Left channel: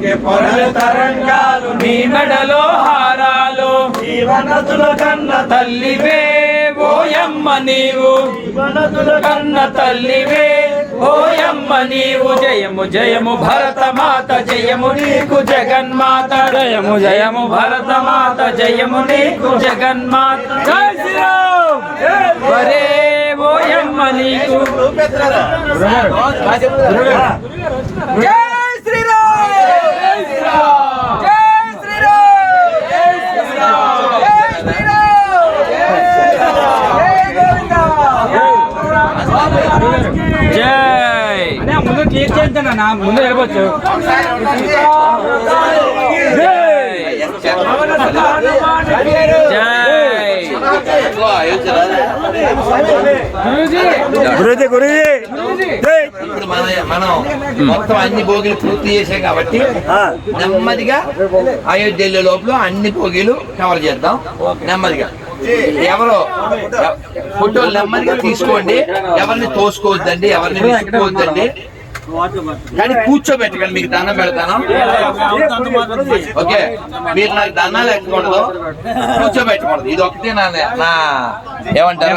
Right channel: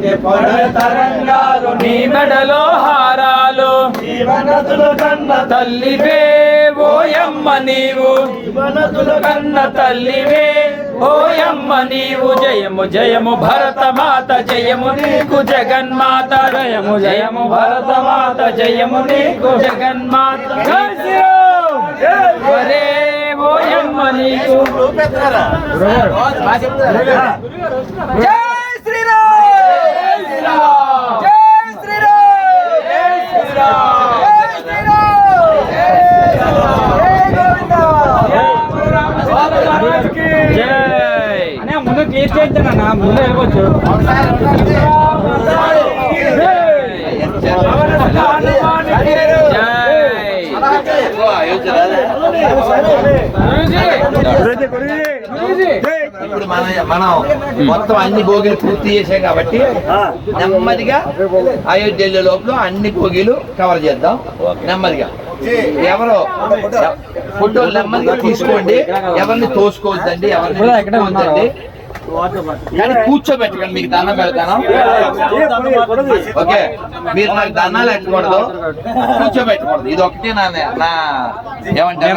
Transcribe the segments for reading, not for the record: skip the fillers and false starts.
పొంగే పొరల తరంగాలు నీ మెడలో హారాలు జీవనదుల కన్న తల్లివే ఓయమ్మ నీవు జీవనదుల కన్న తల్లివే ఓయమ్మ నీవు జయము జయము భరతమాత జయము నీకు జగన్మాత జయము జయము భరతమాత జయము నీకు జగన్మాత జై శ్రీరామ్ వరే ఓయమ్మ నీకు జై ముందు క్లియర్ చేద్దానన్నా ముందు వెళ్ళవచ్చు ఇప్పుడు మనం మొత్తం అన్ని భోగిలు పూర్తి చేసాం కాబట్టి నెమ్మదిగా అయోధ్య లోపల అన్ని భోగిలు కవర్ చేద్దాం నెమ్మదిగా. ఎవరో ఫోటోలు నెమ్మదిగా తీసుకోండి, ఎవరిని తోసుకోవద్దండి, ఎవరిని తీసుకోవద్దండి, కానీ కూర్చోబెట్టకండి. మీకు దండం పెడతాను, ఓకే? మీరు నాకు దండాలు ఎక్కకూడదు, కూర్చోబెట్టకూడదు. ఇది ఒకటే నా ఏమంటారు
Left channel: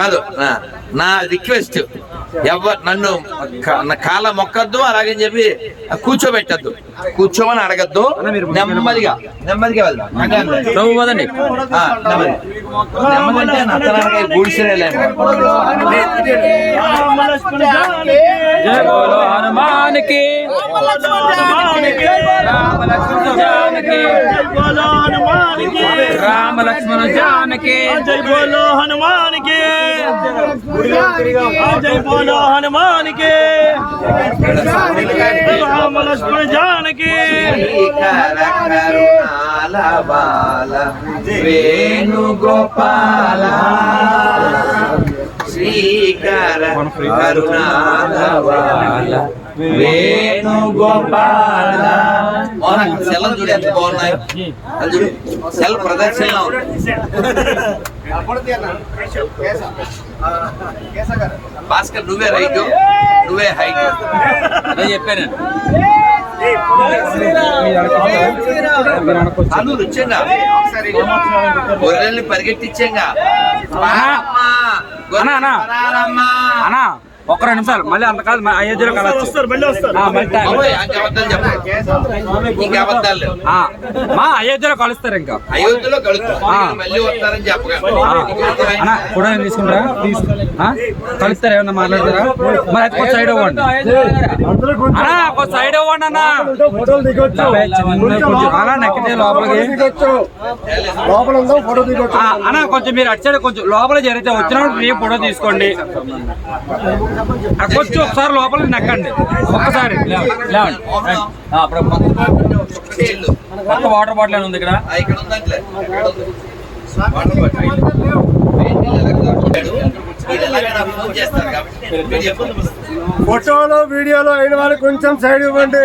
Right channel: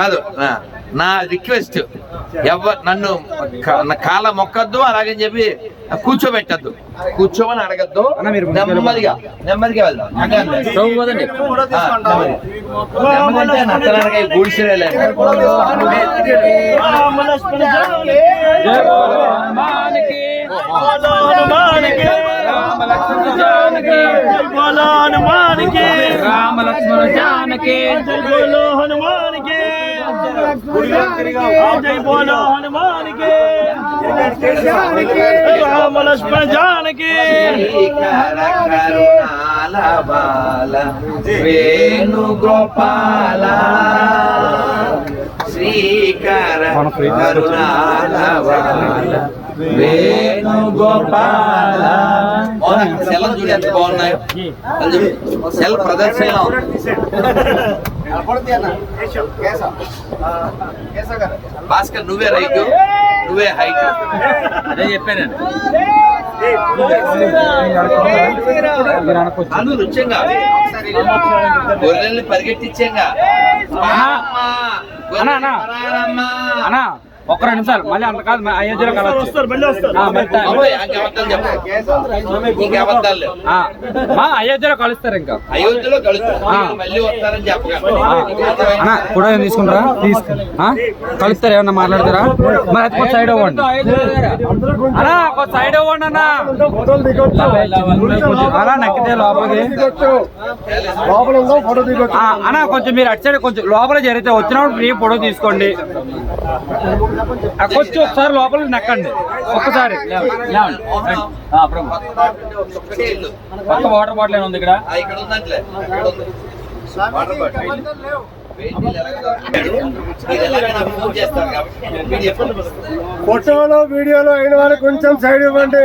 కాదు నా రిక్వెస్ట్. నన్ను కాళ్ళ మొక్కద్దు, అలాగని చెప్పి కూర్చోబెట్టద్దు, కూర్చోమని అడగద్దు. నెమ్మదిగా నెమ్మదిగా వెళ్దాం. నెమ్మది నెమ్మది అంటే నత్తనాడగా గూడిసిరే హనుమానికి రామ లక్ష్మణ జానకి జై బోలో హనుమాన్ కే జై బోలో హనుమాన్ కే రామ లక్ష్మణ జానకి కరుణాల బాల వేణుగోపాల శ్రీకర కరుణాల బాల వేణుగోపాల. సెల్ చూడు ఎంత బాగున్నాయి, సెల్ ప్రదర్శన. భాస్కర్ నువ్వే రైట్, నువ్వే హైట్. అదే చెప్పాను. అను రుచ్యంగా గొర్రెల్ని పరిగెట్టించంగా. అన్నా ఒక్క 2 నిమిషాలు మళ్ళీ అంత కాదు, అయోధ్యలో మా అయోధ్యలో కలుస్తారు. ఇంకా అయోధ్యలో కలుస్తారు, మళ్ళీ వస్తారని చెప్పగా కూడా తీసుకుంటారా? కలుస్తారు, ఏమన్నా మాట్లాడతారా? మరి అది కొంచెం సైడ్ అవ్వండి అన్నా, కొంచెం సైడ్ అవ్వండి అన్నా. అలా నక్కితే లోపలికి అన్నా, కొంచెం మీరు అటు సైడ్ కొంచెం లోపల జరిగితే వచ్చినప్పుడు ఫ్రీ ఫోటో తీసుకోండి. కొంచెం ఒకసారి లోపలికి నక్కండి, ఒక్కసారి కొత్త వాటర్ బాటిల్ ఉంది ఇక్కడ. ఫోటోలో వీడియోలో అయిన వాళ్ళు కొంచెం సైడ్ ఇవ్వండి.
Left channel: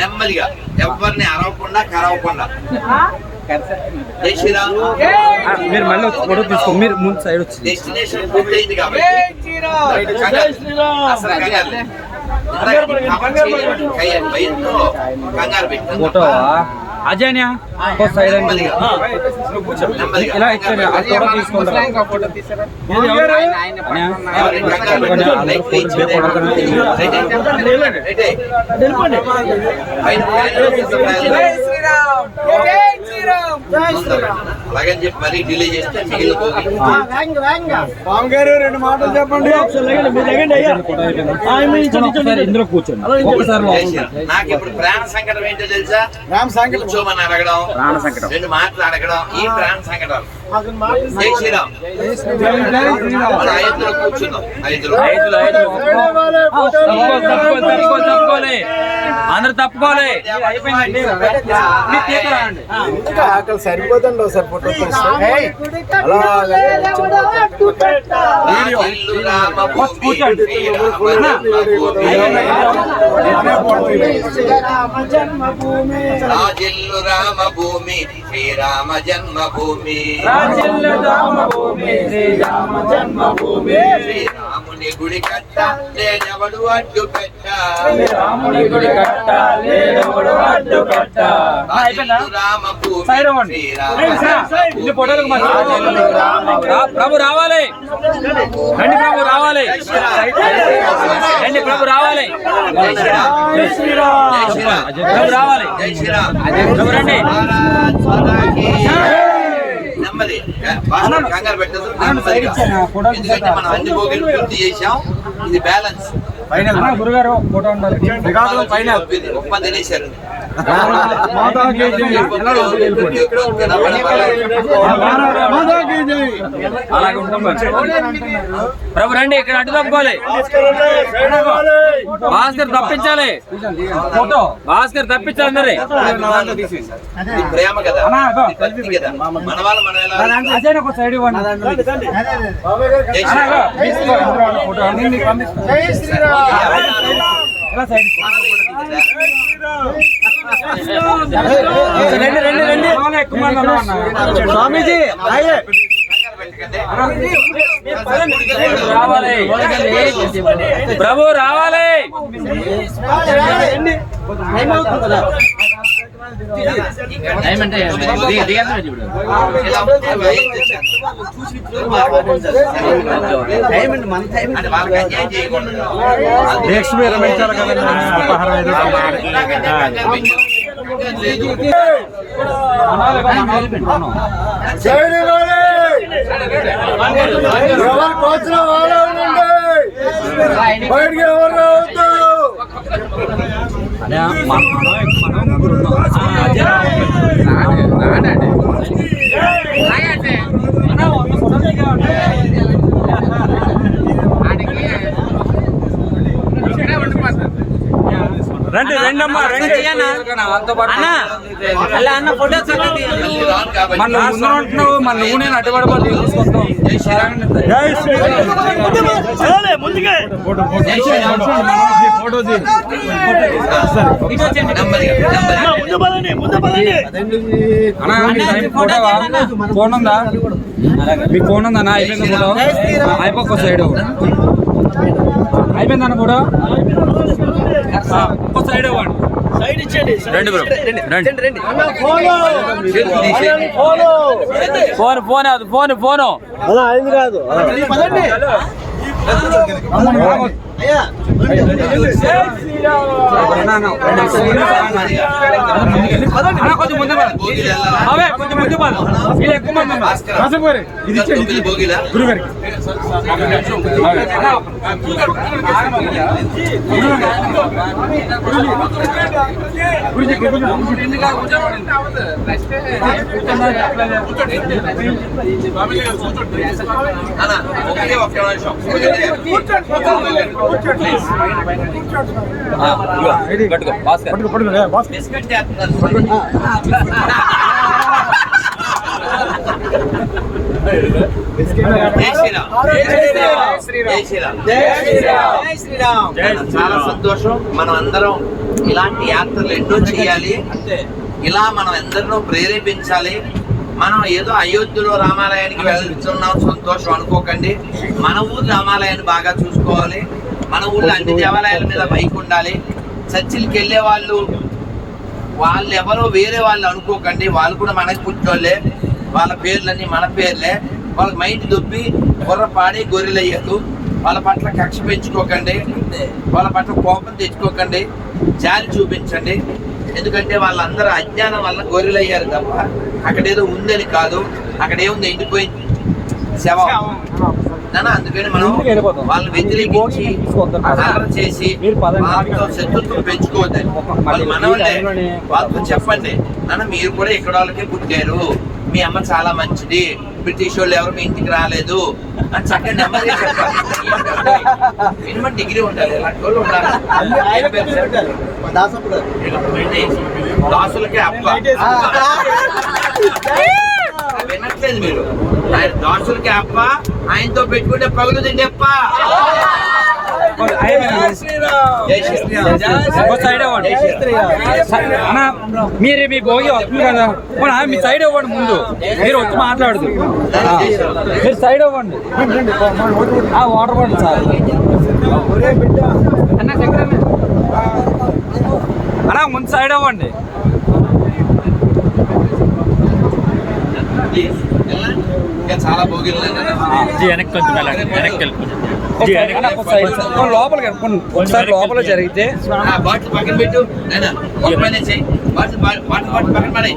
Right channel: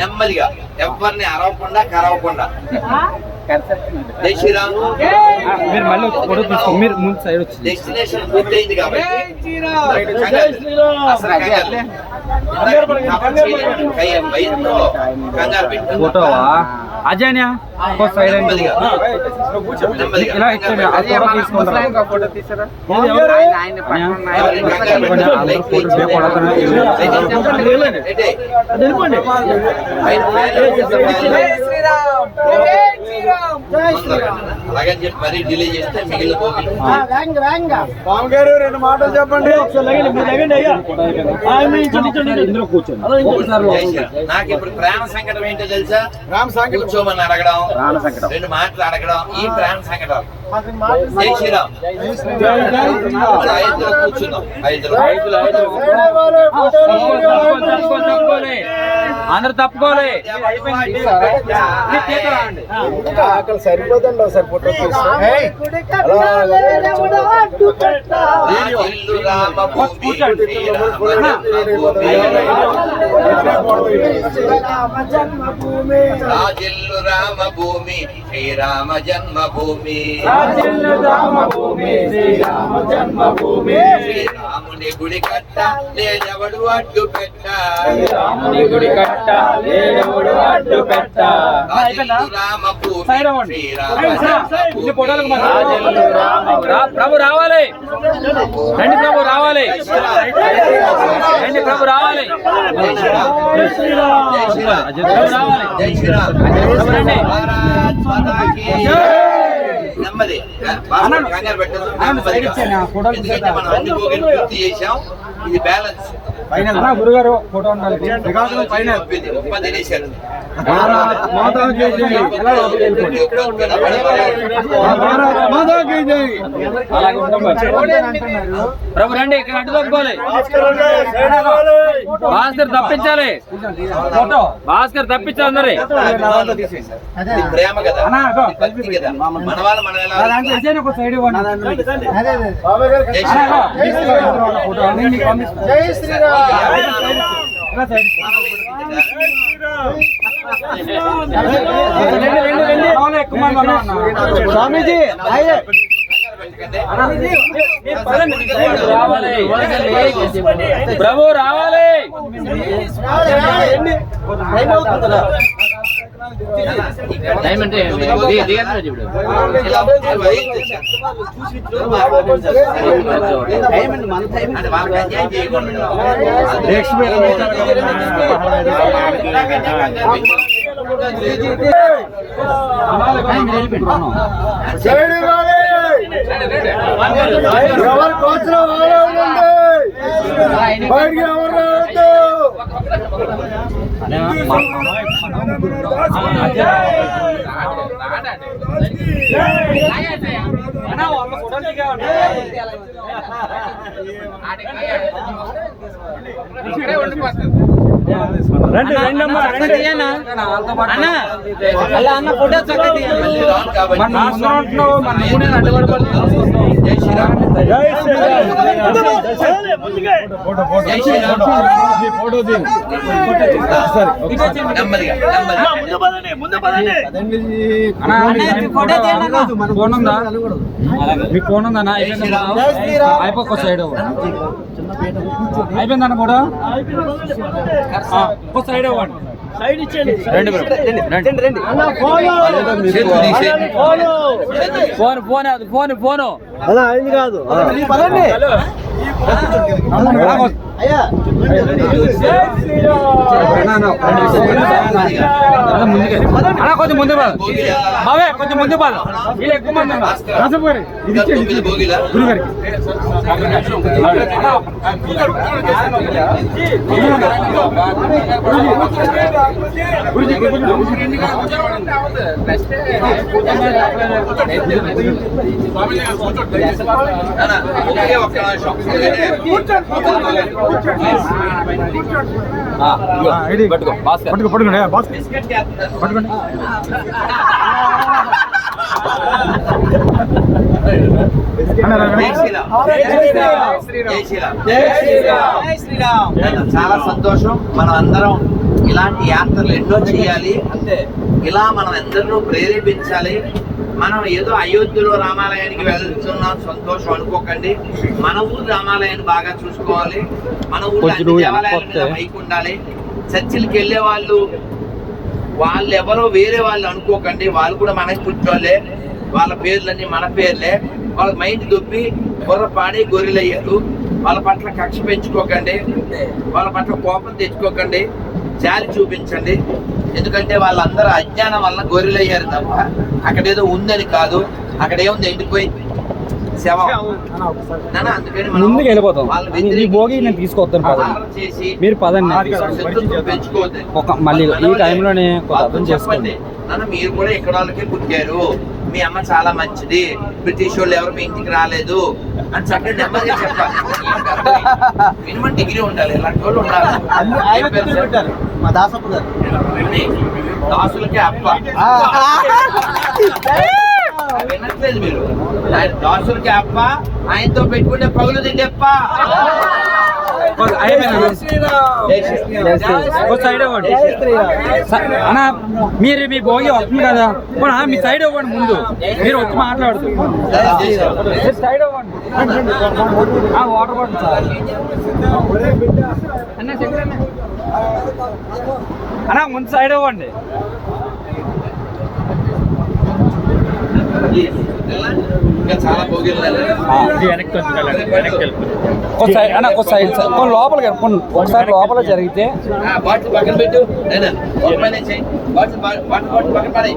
నెమ్మదిగా ఎవరిని అరవకుండా కరవకుండా. జై శ్రీరామ్. మీరు మళ్ళీ ఫోటో తీసుకో, మీరు ముందు సైడ్ వచ్చి. డెస్టినేషన్ పూర్తయింది కాబట్టి ఫోటో అజయ్ సైడ్ ఇలా ఇచ్చండి, ఆ ఫోటో తీసుకుంటారా? అలాగని చెప్పి మరీ డిలే చేస్తే మిగిలిపోయి. పాము గారు 2 మాటలు చెప్పండి. ఇందులో కూర్చోండి. నాకు ఇప్పుడు ప్రాణ సంకటం ఏంటో తెలుసా? కూర్చోమని అడగడం, 2 మాటలు అడగడం, ఈ ప్రాణ సంకటాలు. జై శ్రీరామ్. మన 5లో కూర్చున్నాం. 5లో అందరు తప్పుకోవాలి. సరిపోతుంది సార్ ఫోటో రాజిల్లు రామ భూమి శ్రీరామ జన్మభూమి శ్రీరాముని గుడి కట్ట లేదెవడు అడ్డు పెట్ట రాజిల్లు రామ భూమి ప్రభు రావాలి రండి ప్రభు రావాలి రండి ప్రభు రావాలి ప్రభు రావాలి జై శ్రీరామ్ ప్రభు రండి నెమ్మది కంగారు పెట్టదు నెమ్మదిగా. ఎందుకంటే మనం అన్ని భోగిలు పూర్తి చేసాం. ఇది బ్యాలెన్స్ గురుగారు ఫోటో ఉండాలి ఉప్ప తినేశారు. ప్రభు రండి ఇక్కడ అడ్డు తప్పుకోవాలి భాస్కర్ తప్పించాలి ఫోటో భాస్కర్ తప్పించాలి అందరి ఇది ప్రేమ కదా, ఇది భక్తి కదా. మన వాళ్ళు మనం ఎలా సైడ్ ఇవ్వండి జై శ్రీరామ్. ఫోటో జై శ్రీరామ్. స్వామీజీ రావాలి ప్రభు రావాలి సైడ్ ఇవ్వాలి. ఎవరు కోచిన వాళ్ళే ఉండండి, బయటికి ఎవరు రావద్దు. రండి అన్న అలా అన్న ఫోటో చక్కగా మళ్ళీ రాను కాబట్టి మన నువ్వు అడ్డుపడబోతు జై శ్రీరామ్. జై శ్రీరామ్. జై శ్రీరామ్. నెమ్మదిగా ఫోన్ ఉందా మీ ఫోన్ ఉందన్న అయిపోయి సైడ్ అయిపోయిందన్న కూడా సైడ్ అవ్వండి రండి రండి చేతులు తీసేయండి. ఫోన్ ఫోన్ అది ఫోన్ ఫోను అలా అయింది కాదు. కొంచెం ముందు భోగిలు వెళ్ళాలా? అవే కొంచెం ముందు వీళ్ళు ఎక్కువ మంది ఇది తొమ్మిది భోగిలా? గురుగారికి నాన్న, ఒకే ఒక్క నిమిషం. పట్టుకో భాస్కర్ బిస్కెట్ చేస్తున్నారు. జై శ్రీరామ్. జై శ్రీరామ్. చాలా సంతోషం. మనం అందరం ఇలాంటి యాత్రలు ఎన్నో చేయాలి. ఇలా మనం అందరినో ప్రేరేపించాలి. మనం ఏదో అయోధ్యలో రామాలయానికి వెళ్తున్నాం సంతోషం అనుకోకండి. మన ఊరు రామాలయాన్ని బాగా చూసుకోవాలి. మన ఊళ్ళో అన్ని దేవాలయాల మీద బైక్ ఉండాలి. చర్చిలకి వెళ్ళే వాళ్ళు ఎవరో వేరే వాళ్ళు అనుకోకండి. వాళ్ళు కూడా మనకి పుట్టోళ్ళే. వాళ్ళ పేర్లన్నీ మన పేర్లే. వాళ్ళ మైండ్ దొబ్బి పాడి గొర్రెలయ్యారు. వాళ్ళ పట్ల కక్ష పెంచుకోకండి. వాళ్ళ పట్ల కోపం తెచ్చుకోకండి. జాలి చూపించండి. ఎందుకంటే వాళ్ళందరూ అజ్ఞానం వల్ల గొర్రెలయ్యారు తప్ప అక్కడేదో ఉందని కాదు. అక్కడ ఏముంది, ఎండిపోయి శవం. అందుకని మనం వాళ్ళని వ్యతిరేకించి చేసి శత్రుత్వం పెంచుకోవద్దని వాళ్ళతో చెప్పండి. మీరు కూడా ఇక్కడ వాళ్ళకే పుట్టారు. మీ అమ్మ చాలా మంచిది. బ్రిటిష్ వాళ్ళు ఎవరు మీ ఇంటికి రాలేదు అని చక్కగా నెమ్మదిగా చెప్పాలి. మినిమం డిగ్రీ ఉండాలి. ఇలాంటి వాళ్ళు ఉండాలి. దాసులకే అప్ప వినట్లేదు మీరు. ఆయన దాసులకి అప్ప, ఆయనతో పెట్టుకుంటే పగులు తిండి అప్ప. అయిపోయిందా? జై శ్రీరామ్. ఒక సైడ్ ఇవ్వండి అన్న. మీరు మీ భోగి వస్తుంది కదా, పోనీ మీ సైడ్ ఇవ్వండి. ముందు మీరు వచ్చి మాట్లాడదు, జై శ్రీరామ్. మీరు సైడ్ ఇవ్వండి. వాటర్ బాటిల్ సార్ అన్న, చక్కెర అన్న, ముందు సైడ్ ఇవ్వండి. ఇంకా చాలా భోగిలు లోపలికి ఒకసారి లోపల జరిగితే బాటిల్ పక్కన పెట్టు. నేను ఒక పని చేయి, బాటిల్ పక్కన పడేయి.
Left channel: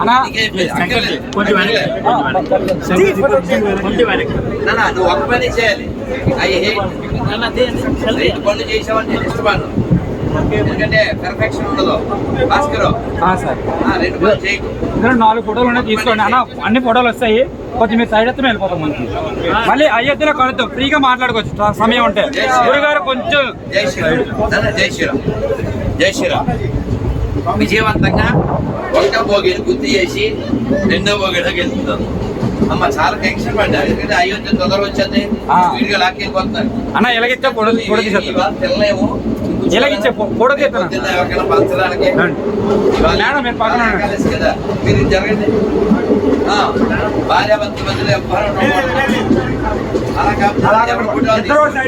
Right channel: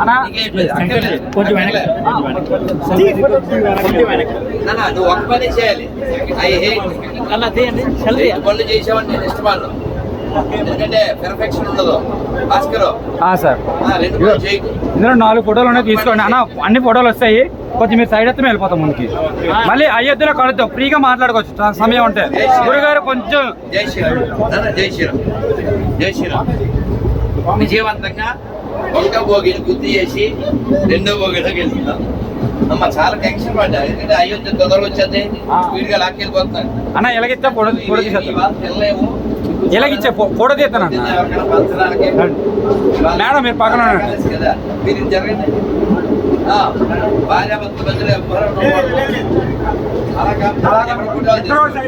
అన్నా కొంచెం నువ్వు ఒక పని చేయాలి. పనులు చేసావని నేను ఇష్టపడను, ఎందుకంటే పెర్ఫెక్షన్ ఉండదు. భాస్కర్ సార్, రెండు పనులు చేయకు. ఇందులో 4 ఫోటోలు ఉన్నాయి, తీసుకోండి అన్న. అన్ని ఫోటోలు వస్తాయి, కొంచెం మీరు సైడ్ ఎత్తున వెళ్ళిపోతాం ముందుకి. మళ్ళీ అయోధ్యలో కలుద్దాం, ఫ్రీగా మాట్లాడుకోవచ్చు సమయం ఉంటే. గురుగారు కొంచెం జై శ్రీరామ్. జై శ్రీరామ్. జై శ్రీరామ్. విజయవంతంగా 1వ భోగిని గుర్తు చేసి 2వ భోగిలోకి వెళ్తున్నాం. అమ్మ చాలా టెన్షన్ పడ్డా, ఎందుకంటే అయోధ్య తొందర వచ్చేది, స్పీడ్గా లాక్కెళ్ళిపోతున్నారు. అన్న ఎలాగిచ్చా ఫోటో తీసేస్తాను, తెల్లలేము ఎలాగిచ్చే ఫోటో తీస్తాను. ఎవరికైనా పంచడానికి మేడం మీరు పక్కన కలిసి కదా, మీరు జరగండి. భార్యాభర్తల మధ్యలో ఎవ్వరూ ఉండకూడదు. అలా కాకపోతే ఎవరి ఫోటోలు తీసుకోండి,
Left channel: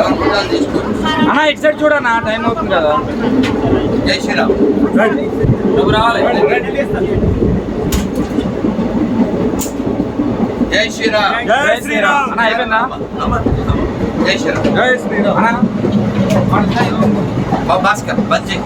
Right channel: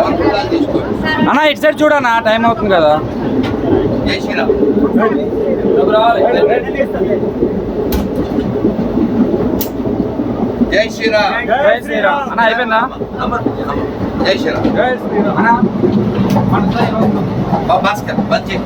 ఎవరి ఫోటోలు తీసుకోండి. అన్న ఇటు సైడ్ చూడన్నా, టైం అవుతుంది కదా. జై శ్రీరామ్. జై శ్రీరామ్. జై శ్రీరామ్. అన్న అయిపోయిందా? జై శ్రీరామ్. అన్న భాస్కర్ బంద్ చేయి.